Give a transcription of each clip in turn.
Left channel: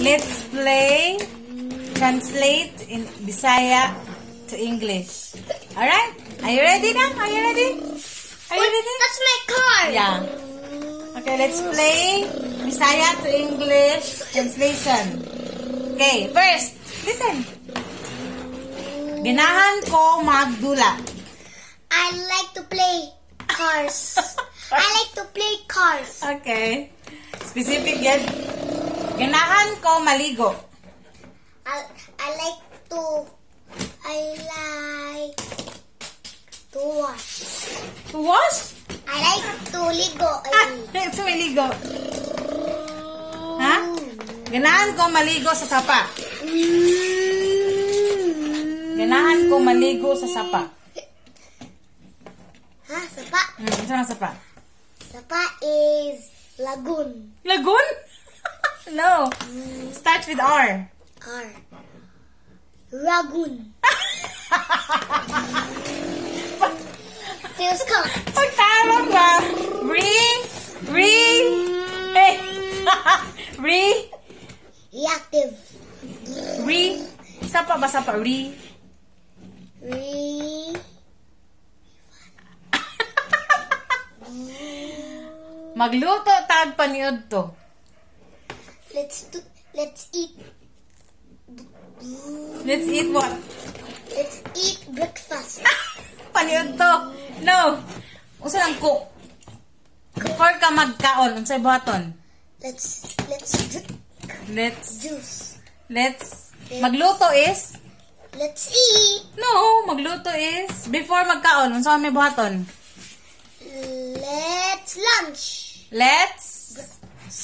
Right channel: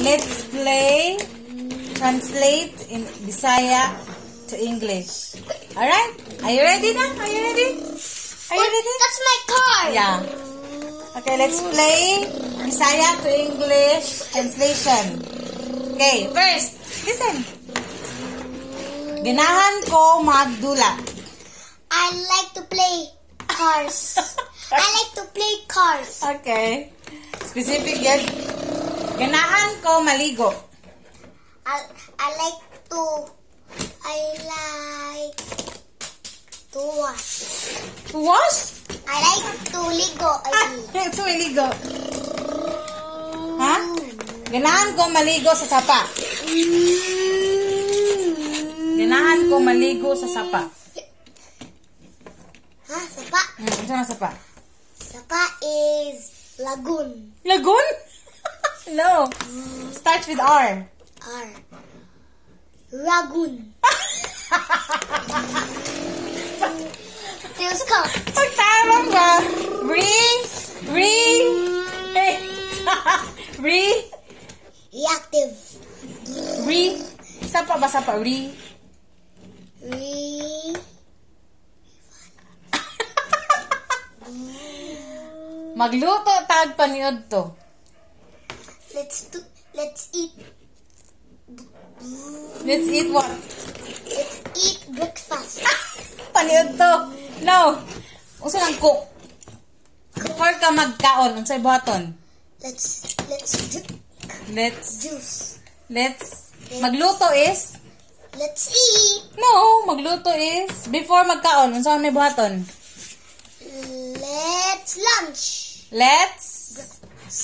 let's play translate in Bisaya to English. Alright? Are you ready now? Are you ready? Are you ready? That's my car. Yeah. Okay, let's play Bisaya to English translation. Okay, first, listen. Ganahan ko magdula. I like to play cars. I like to play cars. Okay. Specific yan. Ganahan ko maligo. I like to wash. To wash? I like to ligo. To maligo. Ha? Ganahan ko maligo sa sapa. Ganahan ko maligo sa sapa. Ha? Sapa? Ito na sapa. Sapa is lagoon. Lagoon? No. Starts with R. R. Ragoon. Diyos ko. Pagtamang ba? Reactive. Sapa ba sapa? Magluto tag paniod to. Let's eat. Let's eat what? Let's eat breakfast. Paniod to. No. Usa lang cook. Before ka magkaon, unsay buhaton? Let's juice. Magluto is? Let's eat. No, magluto is before magkaon, unsa may buhaton? Let's lunch. Let's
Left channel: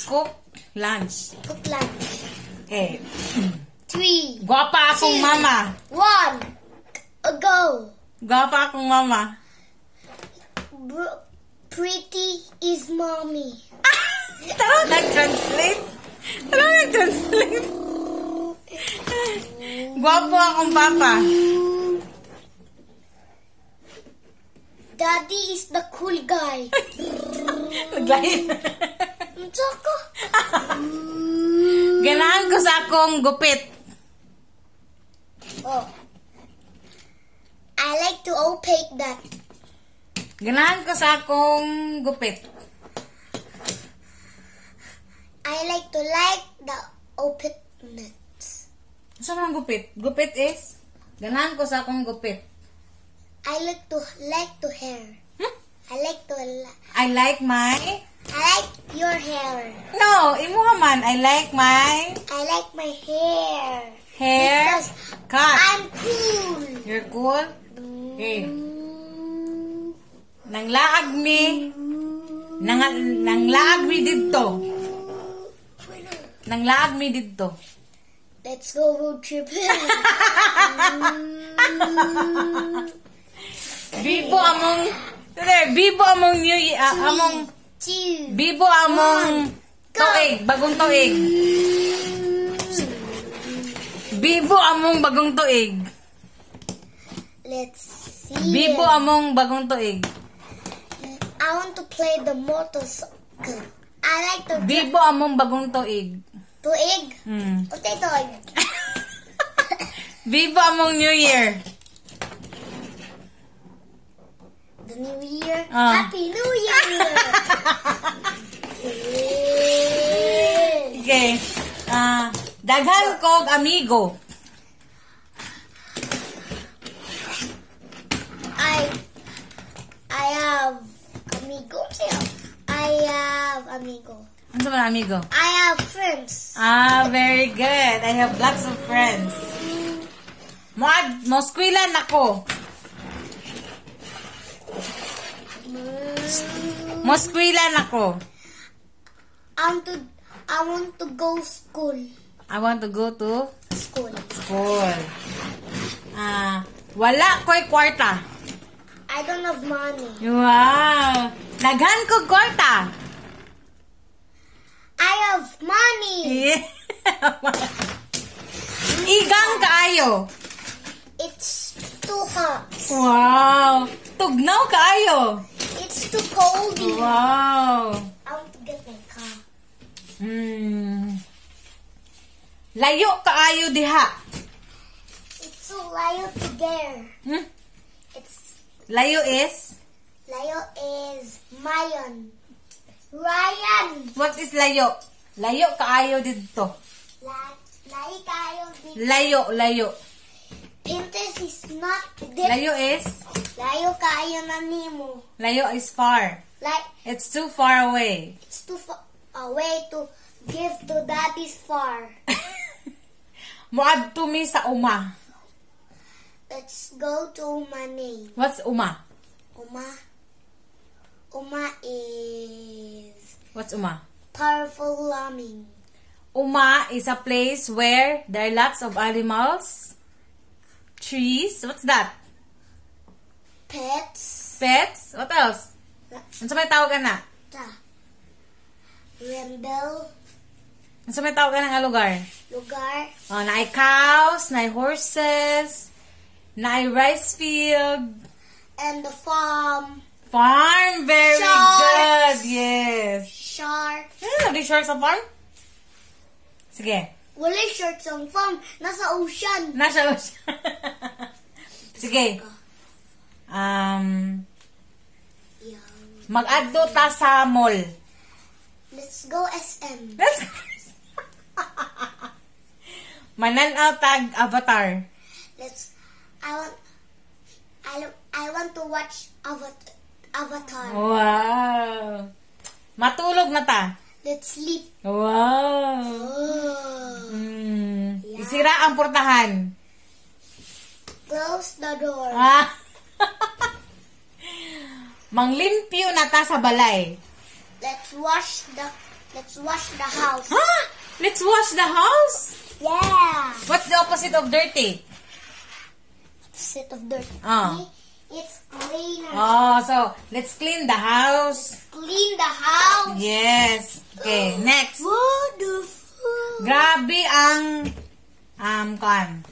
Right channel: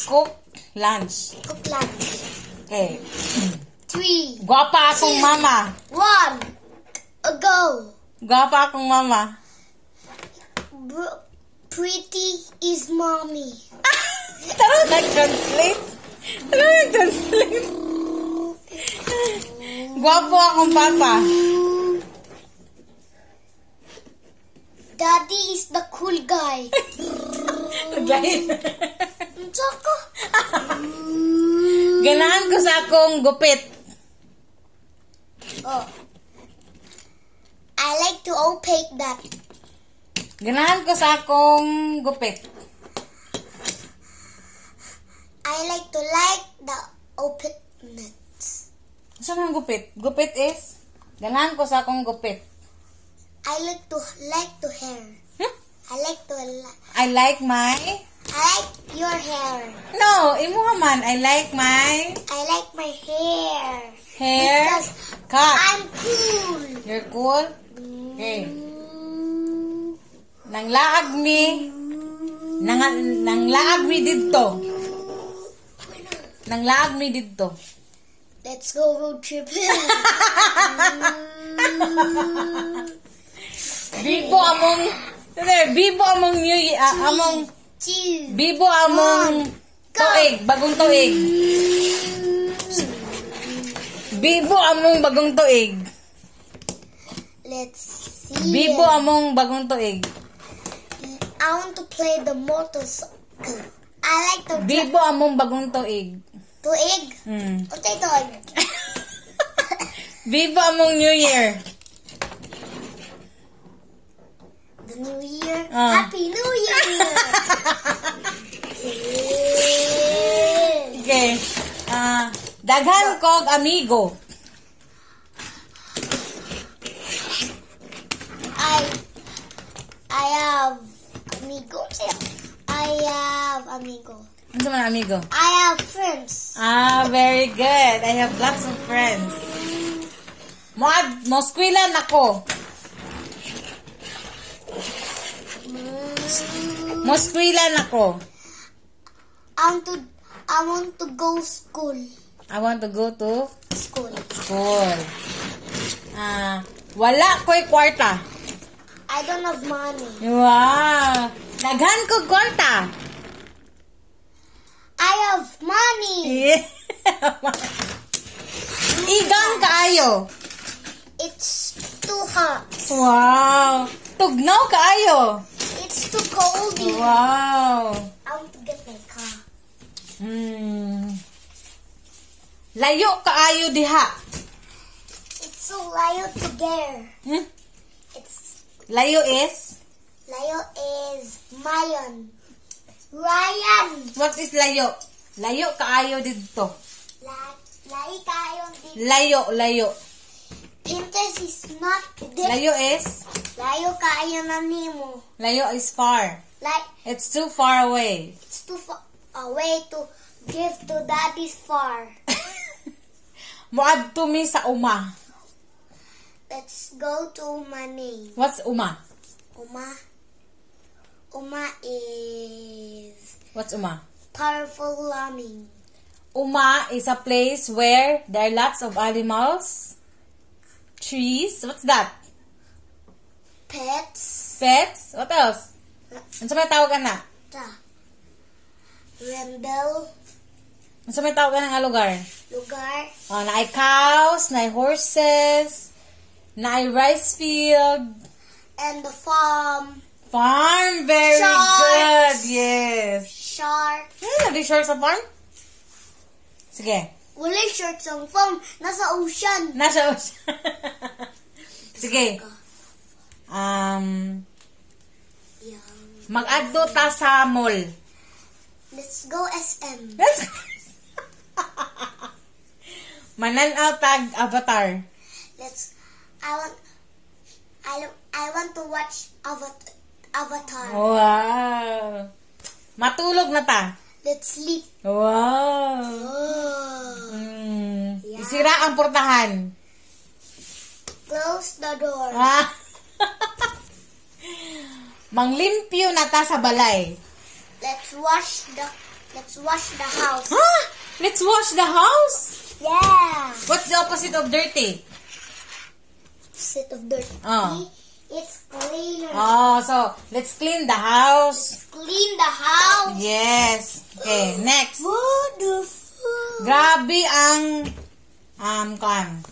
cook lunch. Cook lunch. Okay. 3. Guwapa akong mama. 1. Go. Guwapa akong mama. Pretty is mommy. Tara, nag-translate. Guwapo akong papa. Daddy is the cool guy. Naglain. Tsaka. Ganahan ko sa akong gupit. Oh. I like to opaque that. Ganahan ko sa akong gupit. I like the opaqueness. Saan ang gupit? Gupit is? Ganahan ko sa akong gupit. I like hair. Hmm? I like your hair. No, imo man. I like my hair. Hair Because cut. I'm cool. You're cool? Okay. Nanglaag mi didto. Nanglaag mi didto. Let's go road trip. Bibo among New Year, Bibo among tuig, bagong tuig. Bibo among bagong tuig. Let's see. Bibo among bagong tuig. I want to play the motorcycle. I like to Bibo among bagong tuig. tuig. Okay, tuig. Bibo among New Year. The New Year. Happy New Year. Okay. Daghan kog amigo. I have amigo. Ano ba amigo? I have friends. Very good. I have lots of friends. Moskwilan ako. Moskwilan ako. I want to go school. I want to go to School. Wala ko'y kwarta. I don't have money. Wow. Daghan ko kwarta. I have money. Igang kaayo. It's too hot. Wow. Tugnaw kaayo. It's too cold. Wow. I want to get my car. Layo kaayo diha. It's so layo to there. It's Layo is? layo is Mayon. Ryan. What is layo? Layo kaayo dito. Layo kayo dito. Layo. Pinterest is not dito. Layo is? Layo kayo na nimo. Layo is far. Like, It's too far away. it's too far away to give to daddy's far. Muadto mi sa uma. Let's go to my name. What's uma? Uma is What's uma? powerful lambing. Uma is a place where there are lots of animals, trees. What's that? Pets. Pets? What else? Ano sa may tawag na? Rendel. Ano sa may tawag nga lugar? Lugar. Oh, naay cows, naay horses, naay rice field, And the farm. farm. Very Sharks. good. Yes. Shark. Ano di short sa farm? Sige. Wala short ang farm. Nasa ocean. Nasa Sige. Yeah. Mag-adto ta sa mall. Let's go SM. Let's Mananaw tag Avatar. I want to watch Avatar. Wow. Matulog na ta. Let's sleep. Wow. Yeah. Isira ang portahan. Close the door. Ah. Manglimpyo na ta sa balay. Let's wash the house. Huh? Let's wash the house. Yeah. What's the opposite of dirty? Set of dirt. Oh. It's cleaner. Oh, so let's clean the house. Clean the house. Yes. Okay, next. What the fuck? Grabe ang kan.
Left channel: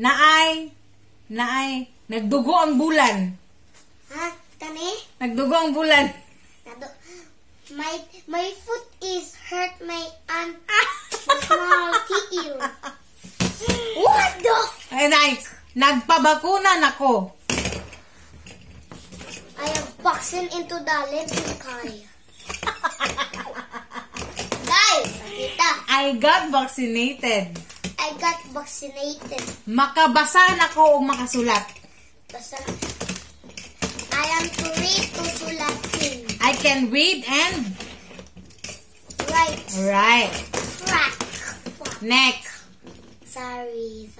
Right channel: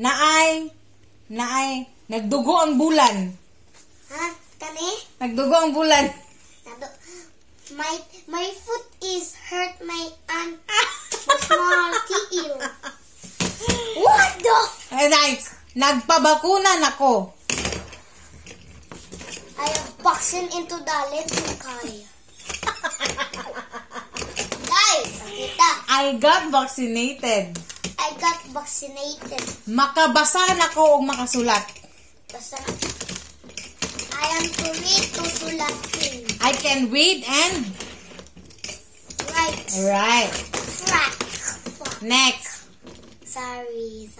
Naay nagdugo ang bulan. Ha? Kani? Nagdugo ang bulan. My foot is hurt my small titty. What the? Ay, nice. Nagpabakuna nako. I have vaccine into the little car. Guys, kita. I got vaccinated. I got vaccinated. Makabasa nako og makasulat. Basta I am to read to sulatin. I can read and Right. write. Crack. Next. Sorry.